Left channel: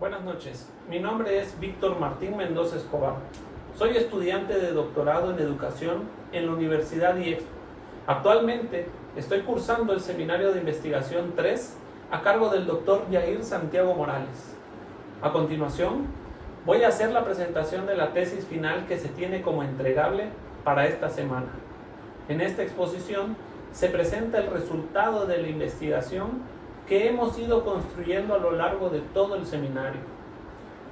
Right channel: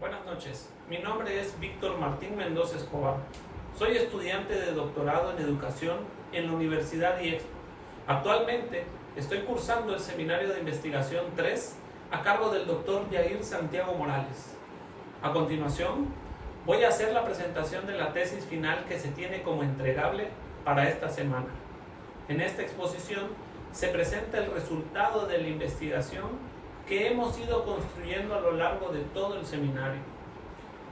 Buenas noches, mi nombre es Víctor Martín Mendoza Escobar. Soy estudiante de doctorado en educación en la Universidad IEXPO. Actualmente estoy cursando el seminario de investigación 3 a cargo del doctor Yair Santiago Morales. A continuación, voy a hacer la presentación de la tesis final que se tiene como entregable para esta semana. En esta exposición se presenta el resultado de la investigación que hemos ido construyendo a lo largo de todo el seminario.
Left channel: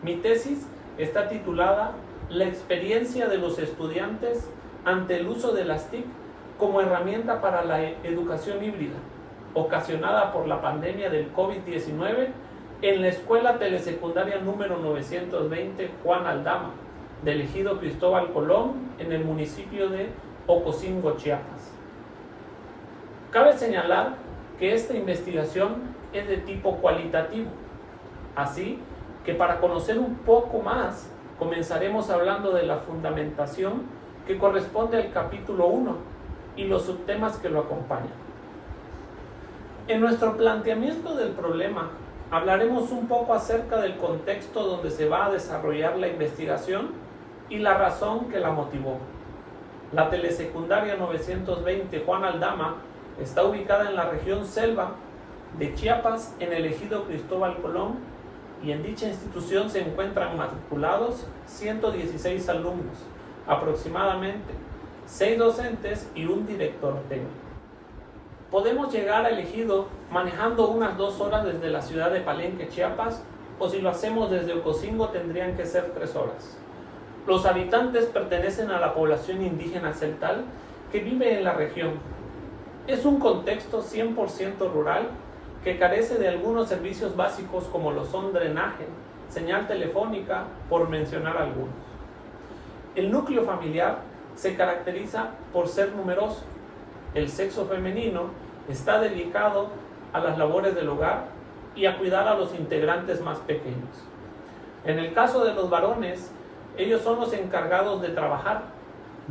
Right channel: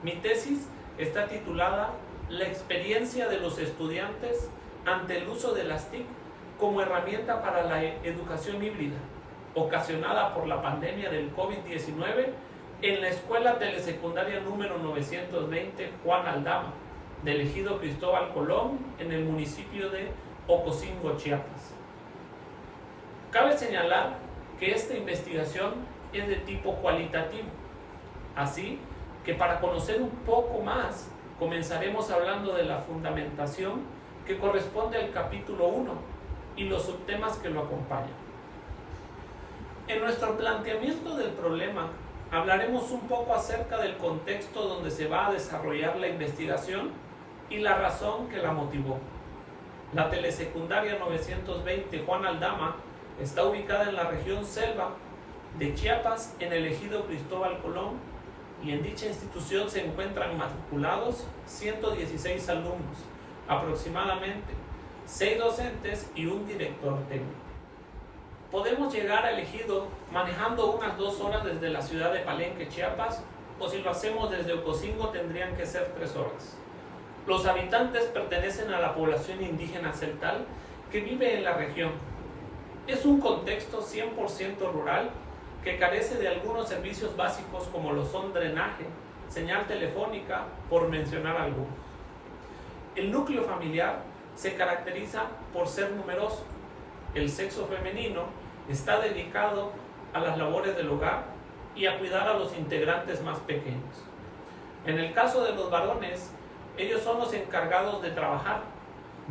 Mi tesis está titulada La experiencia de los estudiantes ante el uso de las TIC como herramienta para la educación híbrida, ocasionada por la pandemia del COVID-19 en la Escuela Telesecundaria número 920 Juan Aldama, del ejido Cristóbal Colón, en el municipio de Ocosingo, Chiapas. Cabe señalar que esta investigación es de tipo cualitativo, así que para conocer un poco más comenzaremos hablando de la fundamentación que corresponde al capítulo 1 y los subtemas que lo acompañan. En nuestro planteamiento del problema hablaremos un poco acerca del contexto donde se va a desarrollar la investigación y la razón que la motivó. La Telesecundaria 920 Juan Aldama está ubicada en la región Selva de Chiapas, en el ejido Cristóbal Colón, y en dicha institución se encuentran matriculados 116 alumnos, aproximadamente 6 docentes y un director técnico. Podemos llegar al ejido manejando unas 2 horas desde la ciudad de Palenque, Chiapas, o si lo hacemos desde Ocosingo tendrían que ser 3 horas. Los habitantes pertenecen a la población indígena celtal que vive en la región. Es un contexto 100% rural que carece de algunos servicios básicos como lo son drenaje, señal telefónica, por mencionar algunos. El núcleo familiar se caracteriza por ser numeroso. El sexo femenino está dedicado a las labores del hogar y a cuidar a los integrantes más pequeños. En el caso de los varones, ellos son los encargados de trabajar,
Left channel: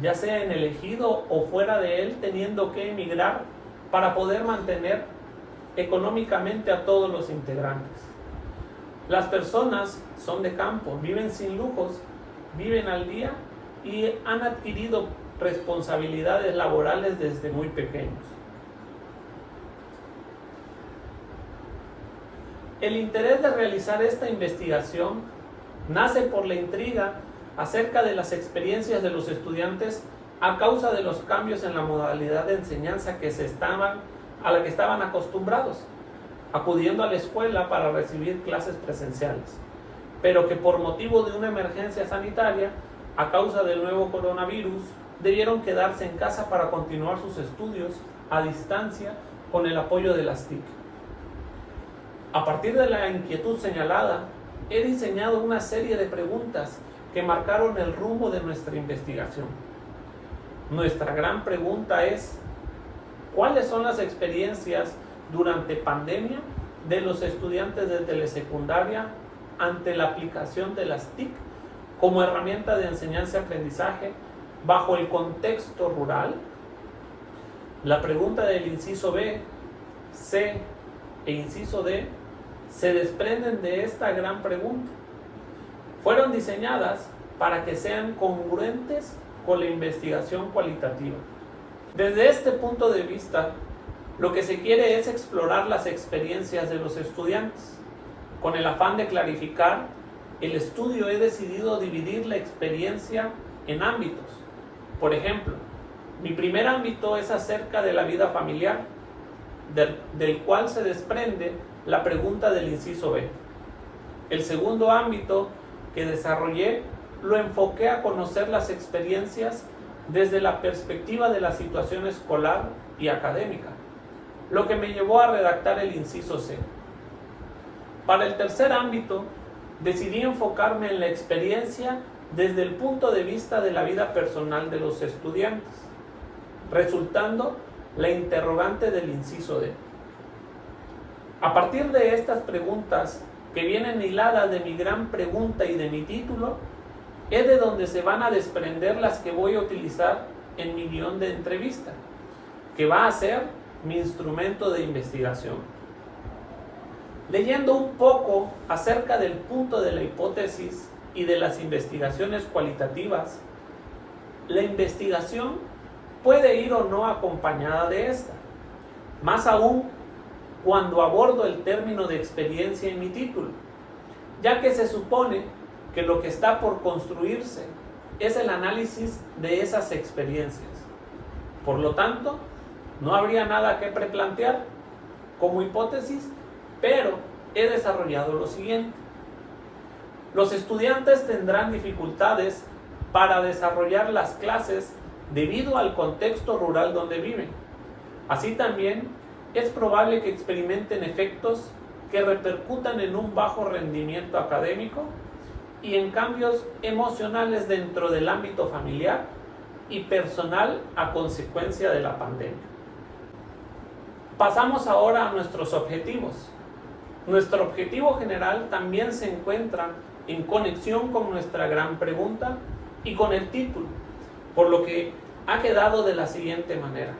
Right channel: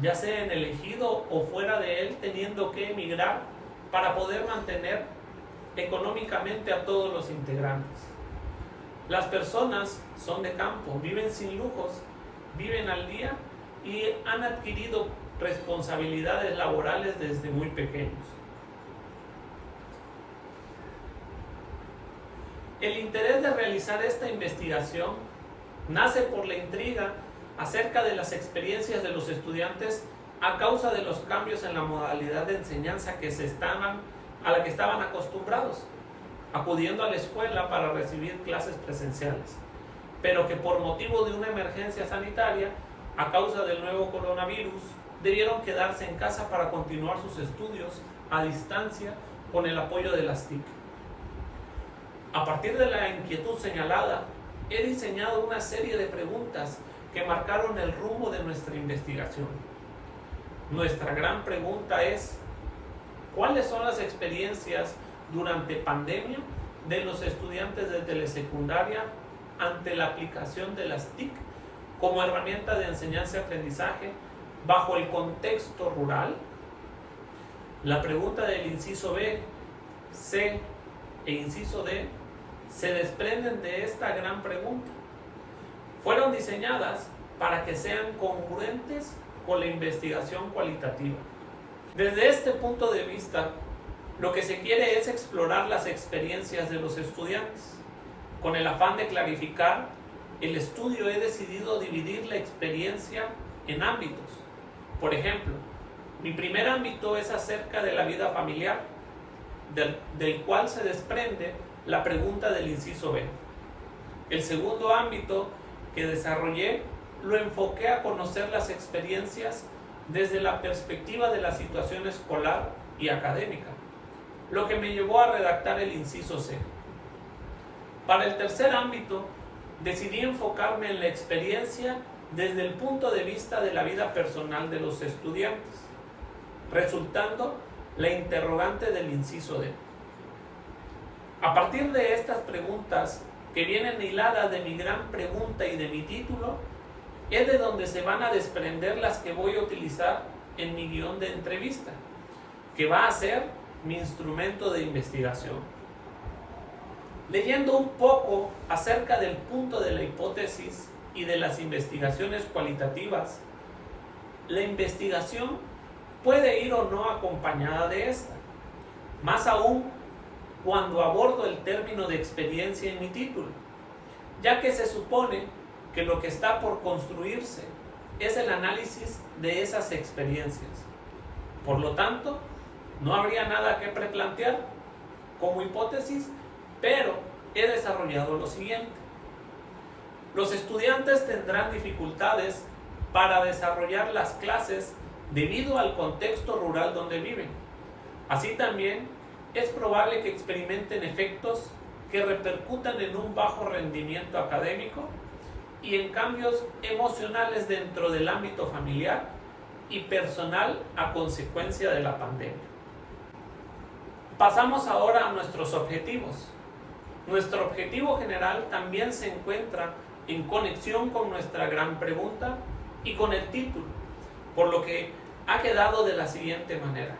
ya sea en el ejido o fuera de él, teniendo que emigrar para poder mantener económicamente a todos los integrantes. Las personas son de campo, viven sin lujos, viven al día y han adquirido responsabilidades laborales desde muy pequeños. El interés de realizar esta investigación nace por la intriga acerca de las experiencias de los estudiantes a causa de los cambios en la modalidad de enseñanza a la que estaban acostumbrados, acudiendo a la escuela para recibir clases presenciales, pero que por motivo de una emergencia sanitaria, a causa del nuevo coronavirus, debieron quedarse en casa para continuar sus estudios a distancia con el apoyo de las TIC. A partir de la inquietud señalada, he diseñado una serie de preguntas que marcaron el rumbo de nuestra investigación. Nuestra gran pregunta es: ¿cuáles son las experiencias durante pandemia de los estudiantes de telesecundaria ante la aplicación de las TIC como herramienta de enseñanza-aprendizaje bajo el contexto rural? La pregunta del inciso B, C e inciso D se desprenden de esta gran pregunta. Fueron diseñadas para que sean congruentes con la investigación cualitativa. Desde este punto de vista, lo que se quiere es explorar las experiencias de los estudiantes. Con el afán de clarificar el estudio, he decidido dividir la experiencia en ámbitos. Por ejemplo, mi primer ámbito es acerca de la vida familiar, del cual se desprende la pregunta del inciso B. El segundo ámbito que desarrollé lo enfoqué a conocer las experiencias desde la perspectiva de la situación escolar y académica, lo que me llevó a redactar el inciso C. Para el tercer ámbito, decidí enfocarme en la experiencia desde el punto de vista de la vida personal de los estudiantes, resultando la interrogante del inciso D. A partir de estas preguntas, que vienen hiladas de mi gran pregunta y de mi título, es de donde se van a desprender las que voy a utilizar en mi guión de entrevista, que va a ser mi instrumento de investigación. Leyendo un poco acerca del punto de la hipótesis y de las investigaciones cualitativas, la investigación puede ir o no acompañada de esta, más aún cuando abordo el término de experiencia en mi título, ya que se supone que lo que está por construirse es el análisis de esas experiencias. Por lo tanto, no habría nada que preplantear como hipótesis, pero he desarrollado lo siguiente. Los estudiantes tendrán dificultades para desarrollar las clases debido al contexto rural donde viven. Así también es probable que experimenten efectos que repercutan en un bajo rendimiento académico y en cambios emocionales dentro del ámbito familiar y personal a consecuencia de la pandemia. Pasamos ahora a nuestros objetivos. Nuestro objetivo general también se encuentra en conexión con nuestra gran pregunta y con el título, por lo que ha quedado de la siguiente manera:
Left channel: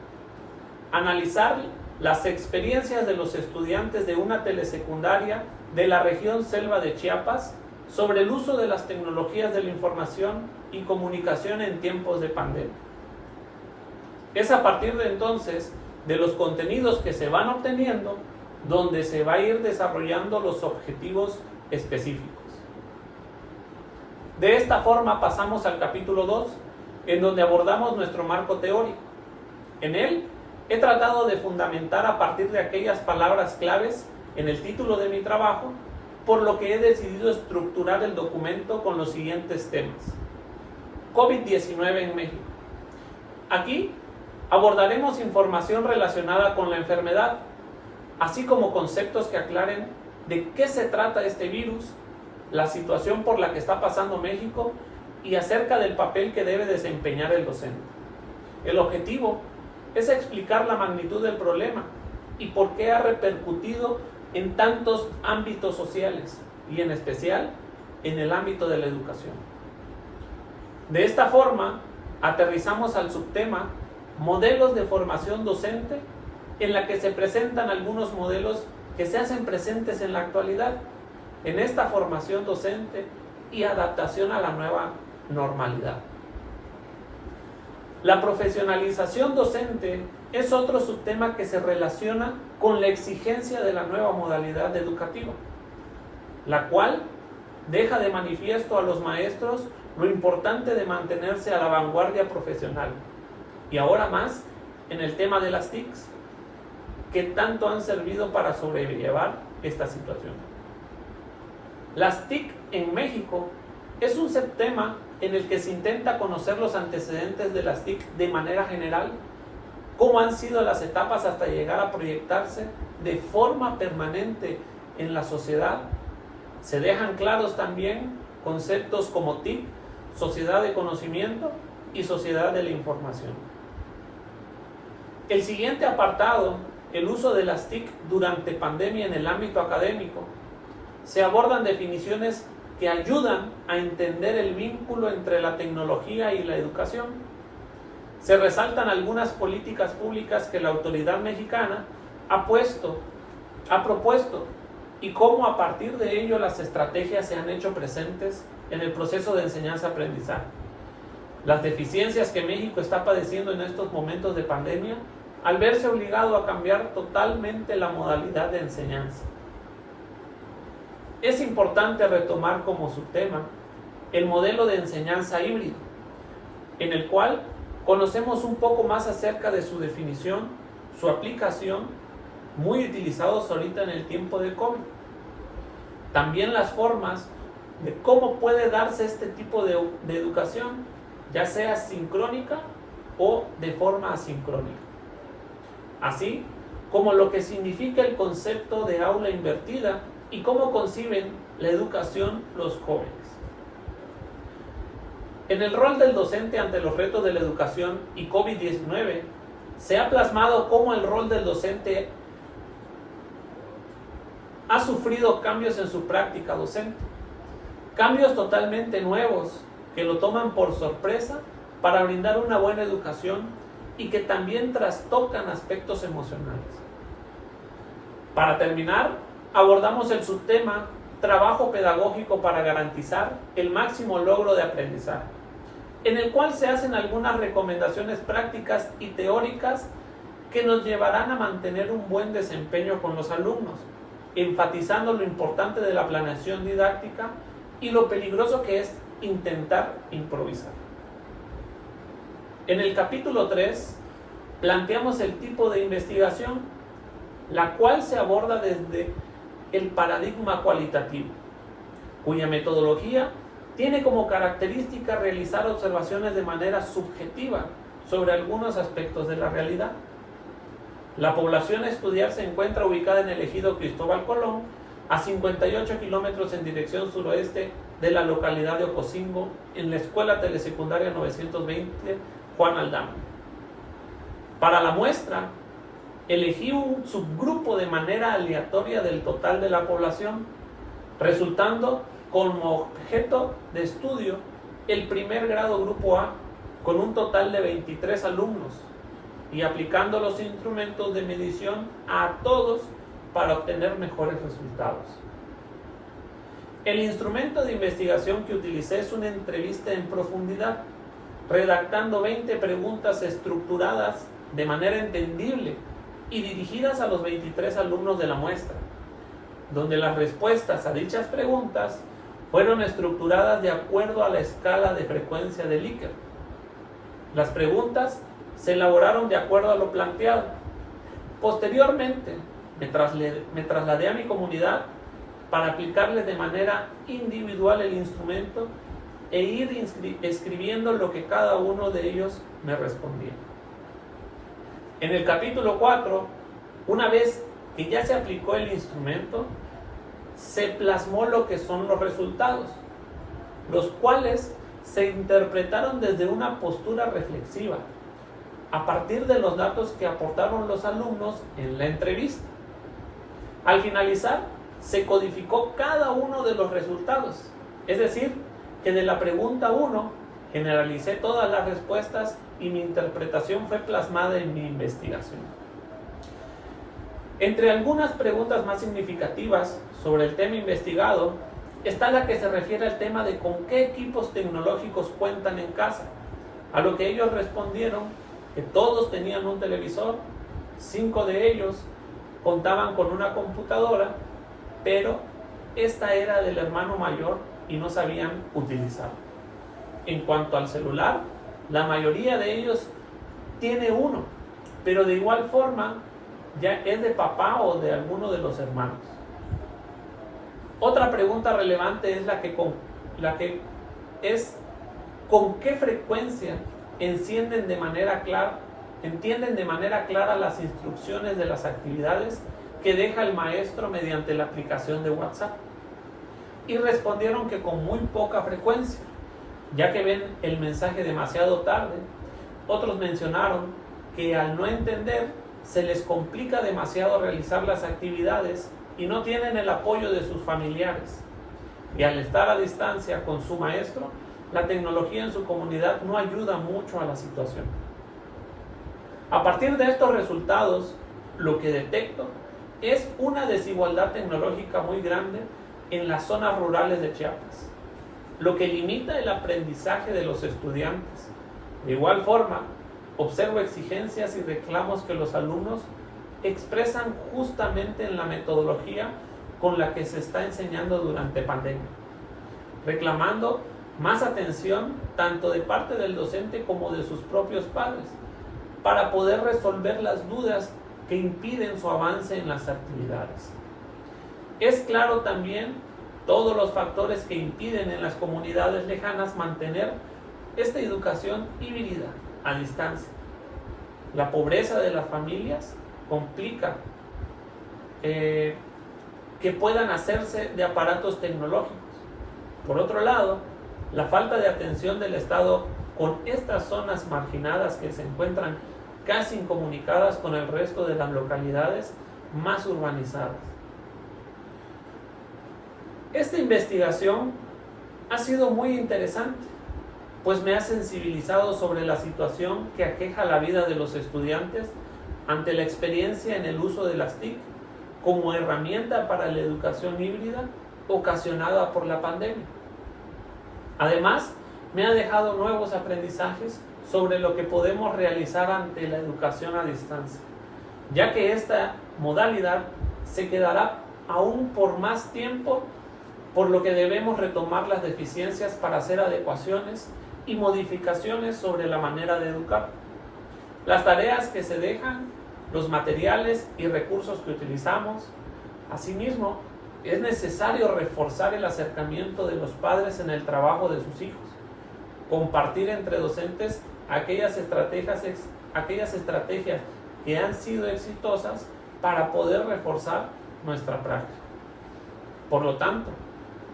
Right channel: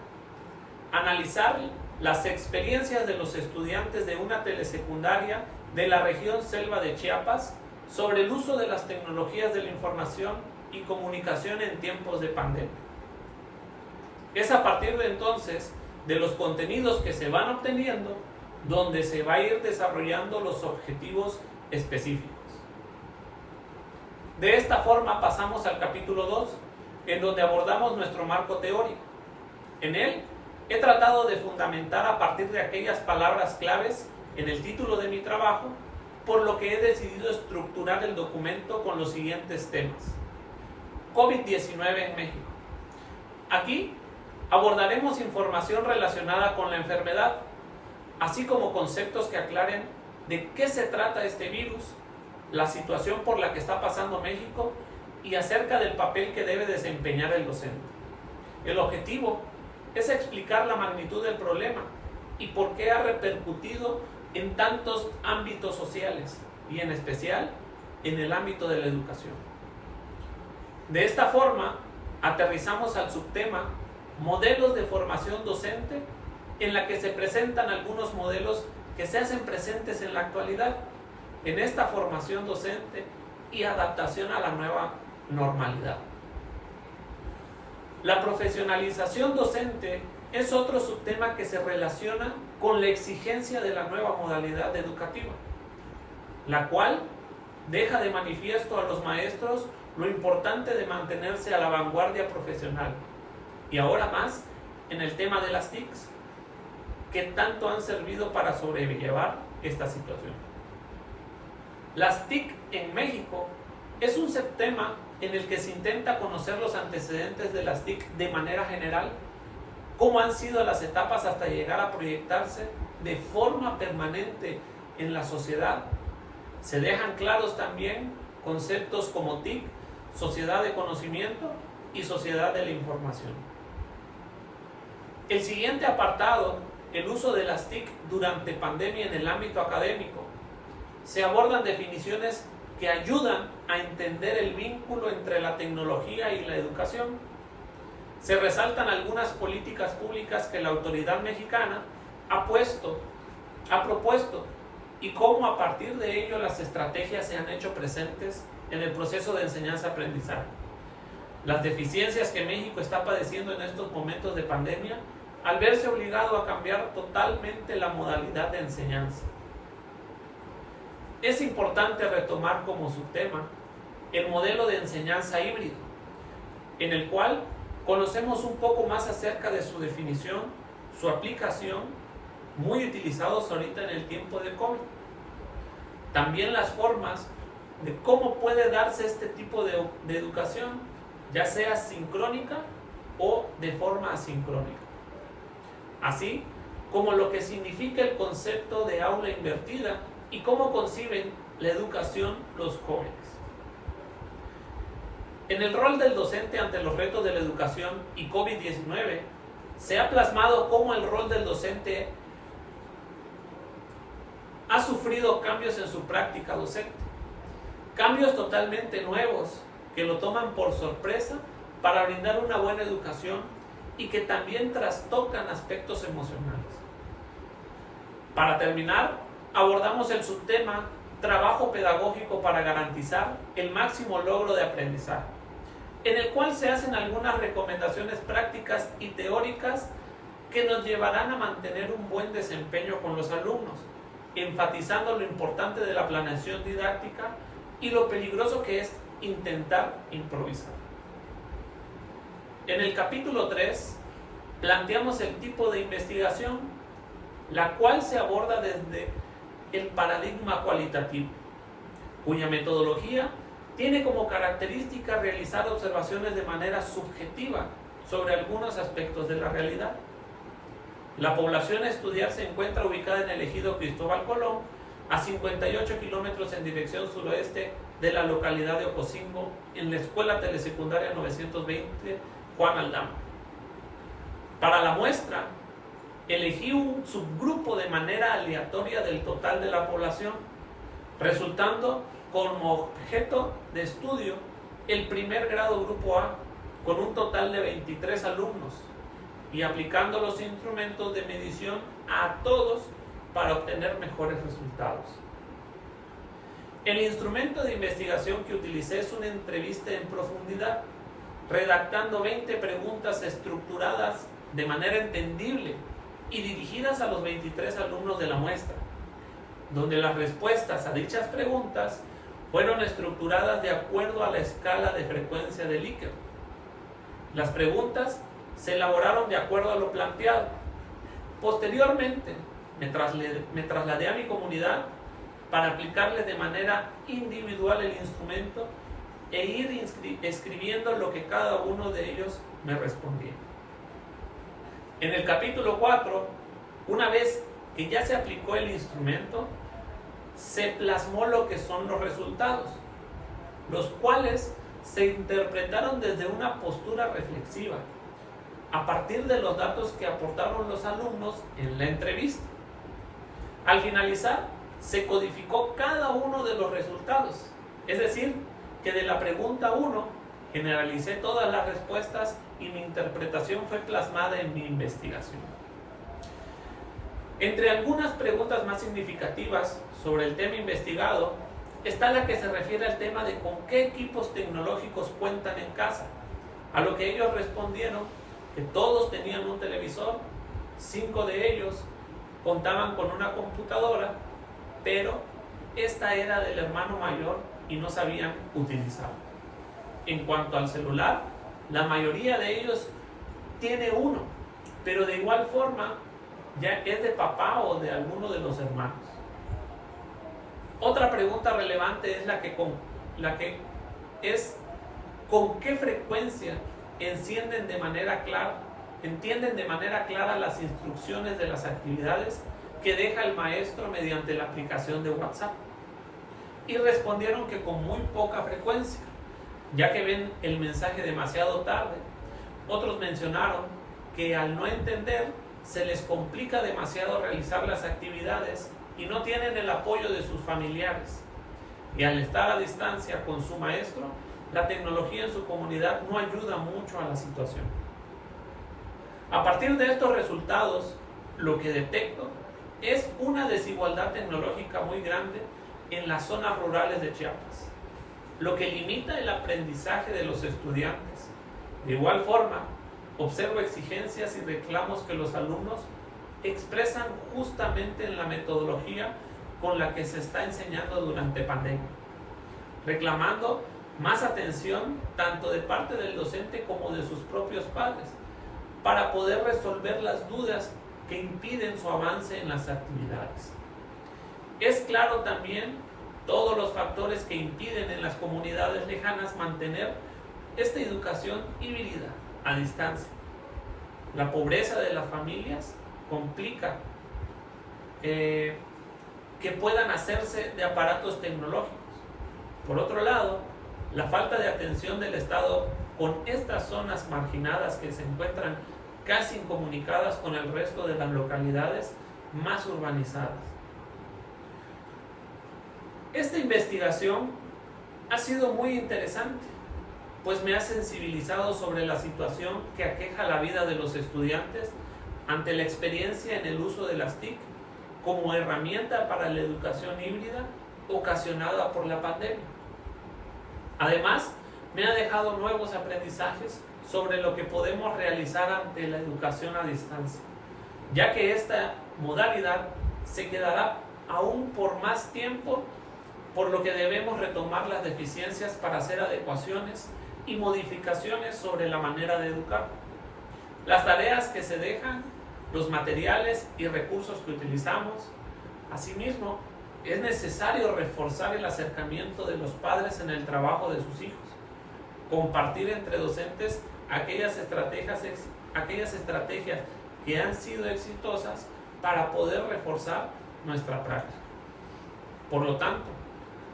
analizar las experiencias de los estudiantes de una telesecundaria de la región Selva de Chiapas sobre el uso de las tecnologías de la información y comunicación en tiempos de pandemia. Es a partir de entonces, de los contenidos que se van obteniendo, donde se va a ir desarrollando los objetivos específicos. De esta forma pasamos al capítulo 2, en donde abordamos nuestro marco teórico. En él he tratado de fundamentar a partir de aquellas palabras claves en el título de mi trabajo, por lo que he decidido estructurar el documento con los siguientes temas. COVID-19 en México. Aquí abordaremos información relacionada con la enfermedad, así como conceptos que aclaren de qué se trata este virus, la situación por la que está pasando México y acerca del papel que debe desempeñar el docente. El objetivo es explicar la magnitud del problema y por qué ha repercutido en tantos ámbitos sociales y en especial en el ámbito de la educación. De esta forma, aterrizamos al subtema modelos de formación docente, en la que se presentan algunos modelos que se hacen presentes en la actualidad en esta formación docente y adaptación a la nueva normalidad. La profesionalización docente es otro subtema que se relaciona con la exigencia de la nueva modalidad educativa, la cual deja de manifiesto a los maestros lo importante de mantenerse a la vanguardia profesional, y ahora más en el tema de las TICs, que tanto han servido para sobrellevar esta situación. Las TIC en México es un subtema en el que se intenta conocer los antecedentes de las TIC de manera general, cómo han sido las etapas hasta llegar a proyectarse de forma permanente en la sociedad. Se dejan claros también conceptos como TIC, sociedad de conocimiento y sociedad de la información. El siguiente apartado, el uso de las TIC durante pandemia en el ámbito académico. Se abordan definiciones que ayudan a entender el vínculo entre la tecnología y la educación. Se resaltan algunas políticas públicas que la autoridad mexicana ha propuesto y cómo a partir de ello las estrategias se han hecho presentes en el proceso de enseñanza-aprendizaje. Las deficiencias que México está padeciendo en estos momentos de pandemia al verse obligado a cambiar totalmente la modalidad de enseñanza. Es importante retomar como subtema el modelo de enseñanza híbrido, en el cual conocemos un poco más acerca de su definición, su aplicación, muy utilizados ahorita en el tiempo de COVID. También las formas de cómo puede darse este tipo de educación, ya sea sincrónica o de forma asincrónica. Así como lo que significa el concepto de aula invertida y cómo conciben la educación los jóvenes. En el rol del docente ante los retos de la educación y COVID-19, se ha plasmado cómo el rol del docente ha sufrido cambios en su práctica docente, cambios totalmente nuevos que lo toman por sorpresa para brindar una buena educación y que también trastocan aspectos emocionales. Para terminar, abordamos el subtema Trabajo pedagógico para garantizar el máximo logro de aprendizaje, en el cual se hacen algunas recomendaciones prácticas y teóricas que nos llevarán a mantener un buen desempeño con los alumnos, enfatizando lo importante de la planeación didáctica y lo peligroso que es intentar improvisar. En el capítulo 3 planteamos el tipo de investigación, la cual se aborda desde el paradigma cualitativo, cuya metodología tiene como característica realizar observaciones de manera subjetiva sobre algunos aspectos de la realidad. La población a estudiar se encuentra ubicada en el ejido Cristóbal Colón, a 58 kilómetros en dirección suroeste de la localidad de Ocosingo, en la Escuela Telesecundaria 920 Juan Aldama. Para la muestra, elegí un subgrupo de manera aleatoria del total de la población, resultando como objeto de estudio el primer grado grupo A, con un total de 23 alumnos, y aplicando los instrumentos de medición a todos para obtener mejores resultados. El instrumento de investigación que utilicé es una entrevista en profundidad, redactando 20 preguntas estructuradas de manera entendible y dirigidas a los 23 alumnos de la muestra, donde las respuestas a dichas preguntas fueron estructuradas de acuerdo a la escala de frecuencia de Likert. Las preguntas se elaboraron de acuerdo a lo planteado. Posteriormente, me trasladé a mi comunidad para aplicarle de manera individual el instrumento e ir escribiendo lo que cada uno de ellos me respondía. En el capítulo 4, una vez que ya se aplicó el instrumento, se plasmó lo que son los resultados, los cuales se interpretaron desde una postura reflexiva, a partir de los datos que aportaron los alumnos en la entrevista. Al finalizar, se codificó cada uno de los resultados, es decir, que de la pregunta 1 generalicé todas las respuestas y mi interpretación fue plasmada en mi investigación. Entre algunas preguntas más significativas sobre el tema investigado está la que se refiere al tema de con qué equipos tecnológicos cuentan en casa, a lo que ellos respondieron que todos tenían un televisor, 5 de ellos contaban con una computadora, pero esta era del hermano mayor y no sabían utilizarla. En cuanto al celular, la mayoría de ellos tiene uno, pero de igual forma ya es de papá o de alguno de los hermanos. Otra pregunta relevante es con qué frecuencia entienden de manera clara las instrucciones de las actividades que deja el maestro mediante la aplicación de WhatsApp. Y respondieron que con muy poca frecuencia, ya que ven el mensaje demasiado tarde. Otros mencionaron que al no entender se les complica demasiado realizar las actividades y no tienen el apoyo de sus familiares. Y al estar a distancia con su maestro, la tecnología en su comunidad no ayuda mucho a la situación. A partir de estos resultados, lo que detecto es una desigualdad tecnológica muy grande en las zonas rurales de Chiapas, lo que limita el aprendizaje de los estudiantes. De igual forma, observo exigencias y reclamos que los alumnos expresan justamente en la metodología con la que se está enseñando durante pandemia, reclamando más atención tanto de parte del docente como de sus propios padres para poder resolver las dudas que impiden su avance en las actividades. Es claro también todos los factores que impiden en las comunidades lejanas mantener esta educación híbrida a distancia. La pobreza de las familias complica que puedan hacerse de aparatos tecnológicos. Por otro lado, la falta de atención del Estado con estas zonas marginadas que se encuentran casi incomunicadas con el resto de las localidades más urbanizadas. Esta investigación ha sido muy interesante, pues me ha sensibilizado sobre la situación que aqueja la vida de los estudiantes ante la experiencia en el uso de las TIC como herramienta para la educación híbrida ocasionada por la pandemia. Además, me ha dejado nuevos aprendizajes sobre lo que podemos realizar ante la educación a distancia, ya que esta modalidad se quedará aún por más tiempo, por lo que debemos retomar las deficiencias para hacer adecuaciones y modificaciones sobre la manera de educar. Las tareas que se dejan, los materiales y recursos que utilizamos. Asimismo, es necesario reforzar el acercamiento de los padres en el trabajo de sus hijos, compartir entre docentes aquellas estrategias que han sido exitosas para poder reforzar nuestra práctica. Por lo tanto,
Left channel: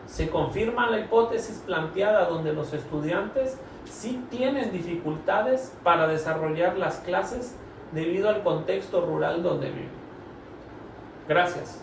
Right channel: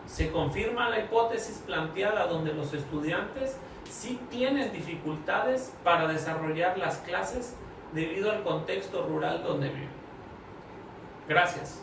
se confirma la hipótesis planteada donde los estudiantes sí tienen dificultades para desarrollar las clases debido al contexto rural donde viven. Gracias.